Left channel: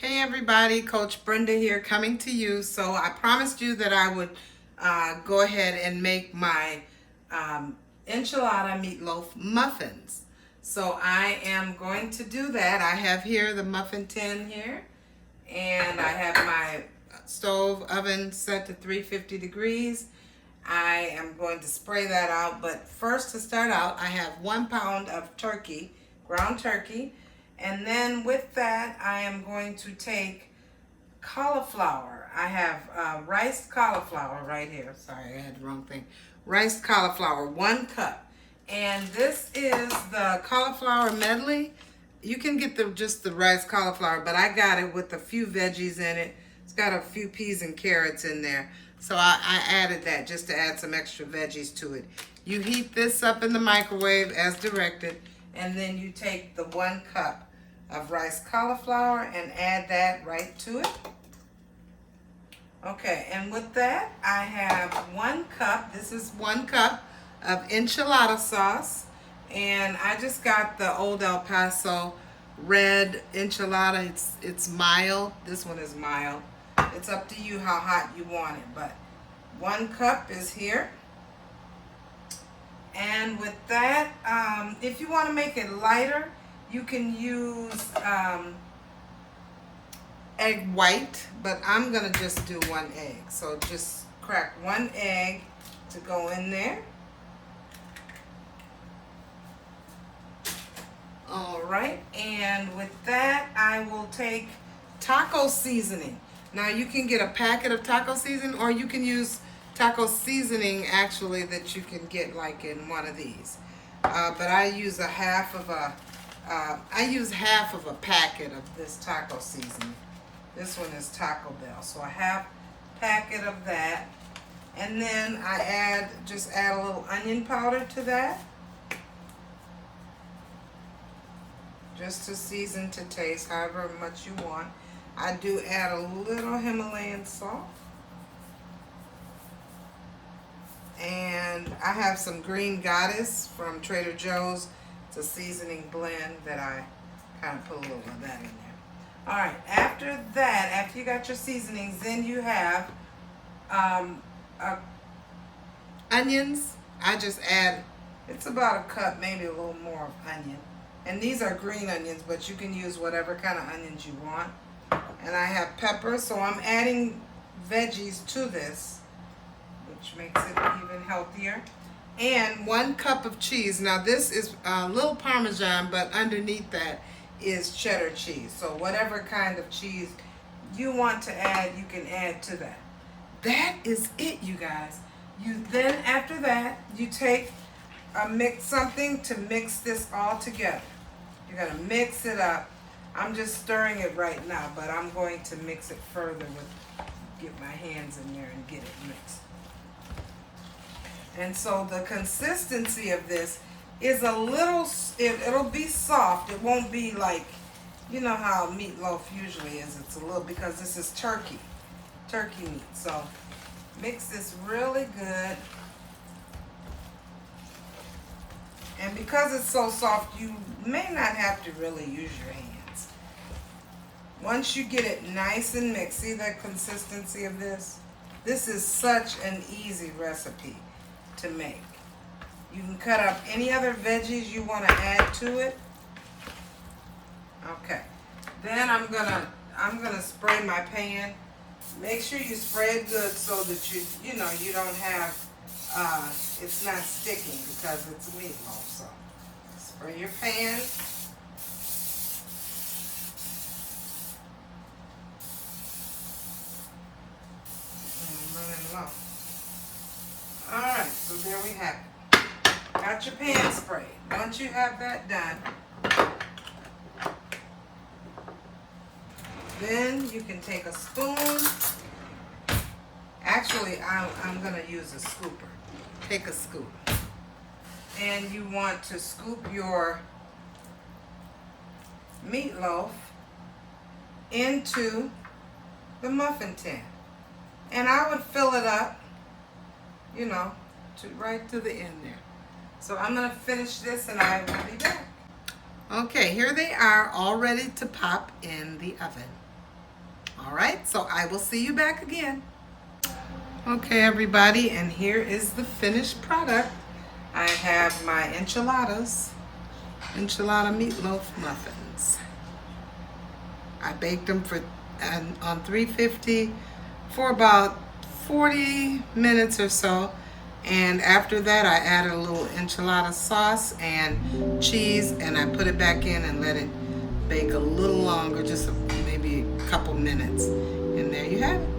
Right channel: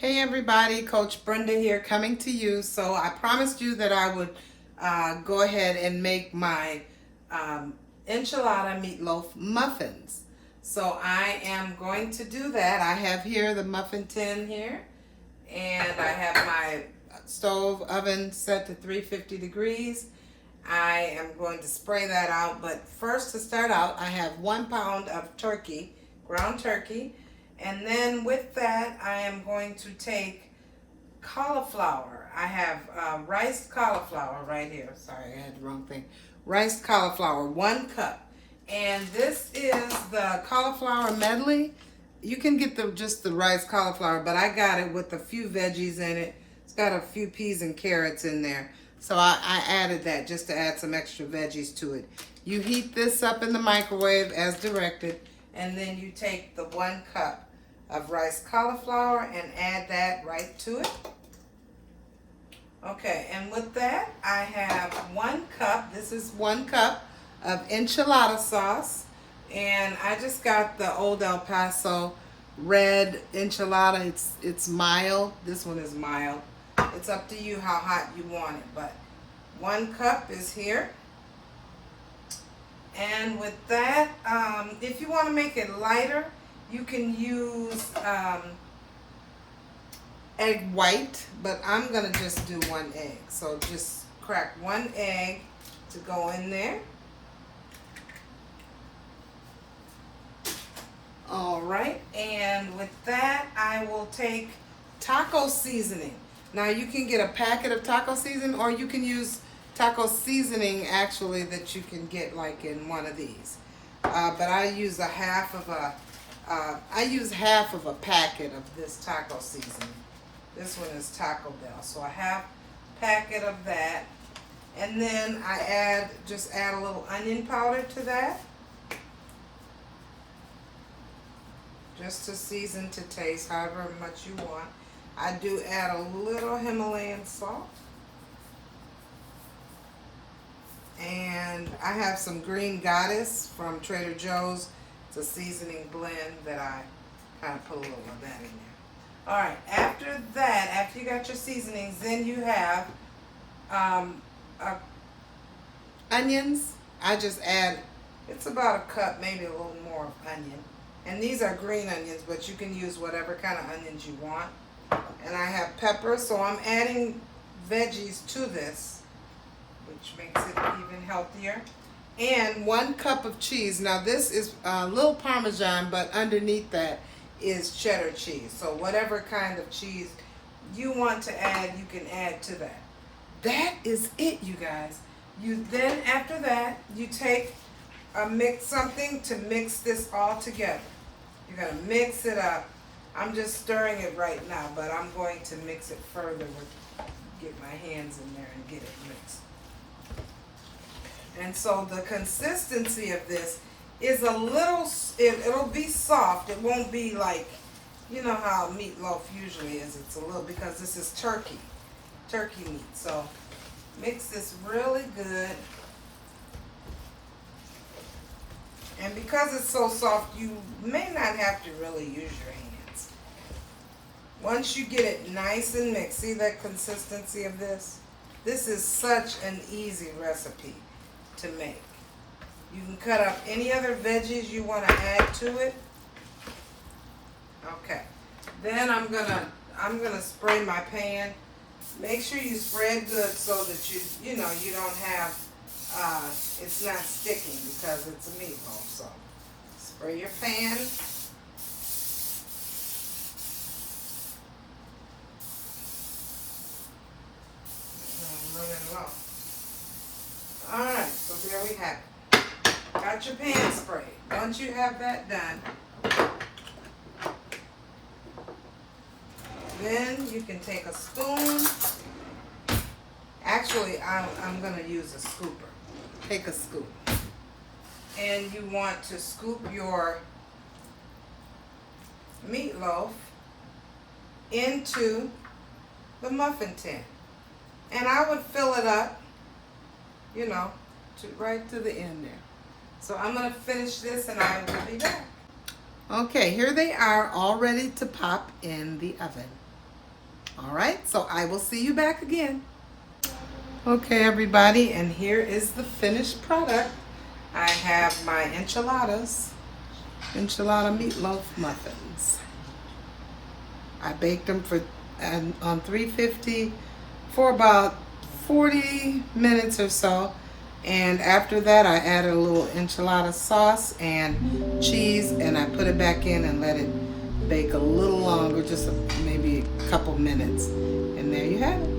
Hey everybody, Coach Brenda here coming to you. So I promised you that I would go ahead and make my Enchilada Meatloaf Muffins. So I am going to do that. I have here the muffin tin here, and I have my stove oven set to 350 degrees. I am going to spray that out, but first to start out, I have 1 pound of turkey, ground turkey. And then with that, I am going to take cauliflower. I have riced cauliflower right here. Sorry, I had the wrong thing. Riced cauliflower, 1 cup. And this is the cauliflower medley. You can get just the riced cauliflower, but I got it with a few veggies in it. It's got a few peas and carrots in there. So I added that just to add some extra veggies to it. You heat this up in the microwave as directed, and then you take the 1 cup of riced cauliflower and add that right to it. Okay, and with that, I have 1 cup, this is 1 cup of enchilada sauce, and I just got the Old El Paso red enchilada. It's mild. This one is mild. It's up to you how hot you want it, but 1 cup is here. And with that, if you want to make it lighter, you can use egg white, but I'm gonna just do 1 egg. So just crack 1 egg to go in there. All right, and with that, I will take taco seasoning. Now you can get a packet of taco seasoning, or you can use taco seasoning actually that you can get like in one of these. But I use half of a packet of this taco seasoning. This one is Taco Bell, so I have a packet of that, and then I just add a little onion powder to that, just to season to taste, however much you want. I do add a little Himalayan salt. And I have some Green Goddess from Trader Joe's. It's a seasoning blend that I kind of put a little of that in there. All right, after that, after you got your seasonings, then you have onions. I just add, it's about a cup, maybe a little more of onion. And these are green onions, but you can use whatever kind of onions you want. And I have pepper, so I'm adding veggies to this, which makes it even healthier. And 1 cup of cheese. Now this is a little Parmesan, but underneath that is cheddar cheese. So whatever kind of cheese you want to add, you can add to that. That is it, you guys. You then, after that, you take something to mix this all together. You're gonna mix it up. I'm just stirring it right now, but I'm going to mix it further get my hands in there and get it mixed. And so the consistency of this is a little, it'll be soft. It won't be like, you know how meatloaf usually is. It's a little, because this is turkey meat. So mix this really good. And because it's so soft, you may not have to really use your hands. Once you get it nice and mixed, see the consistency of this? This is such an easy recipe to make. You can cut up any other veggies you want to add to it. Okay. Then I'm gonna spray my pan. Make sure you spray it good so that you don't have it's not sticking, because it's a meatloaf. So spray your pan. All right, so there we have it. Got your pan sprayed. Once you have that done, then you can take a spoon. Actually, I'm going to use a scooper. Take a scoop. And you want to scoop your meatloaf into the muffin tin. And I would fill it up, right to the end there. So I'm going to finish this and I will be back. Okay, here they are all ready to pop in the oven. All right, so I will see you back again. Okay, everybody, and here is the finished product. I have my enchilada meatloaf muffins. I baked them on 350 for about 40 minutes or so. And after that, I added a little enchilada sauce and cheese, and I put it back in and let it bake a little longer, just maybe a couple minutes. And there you have it.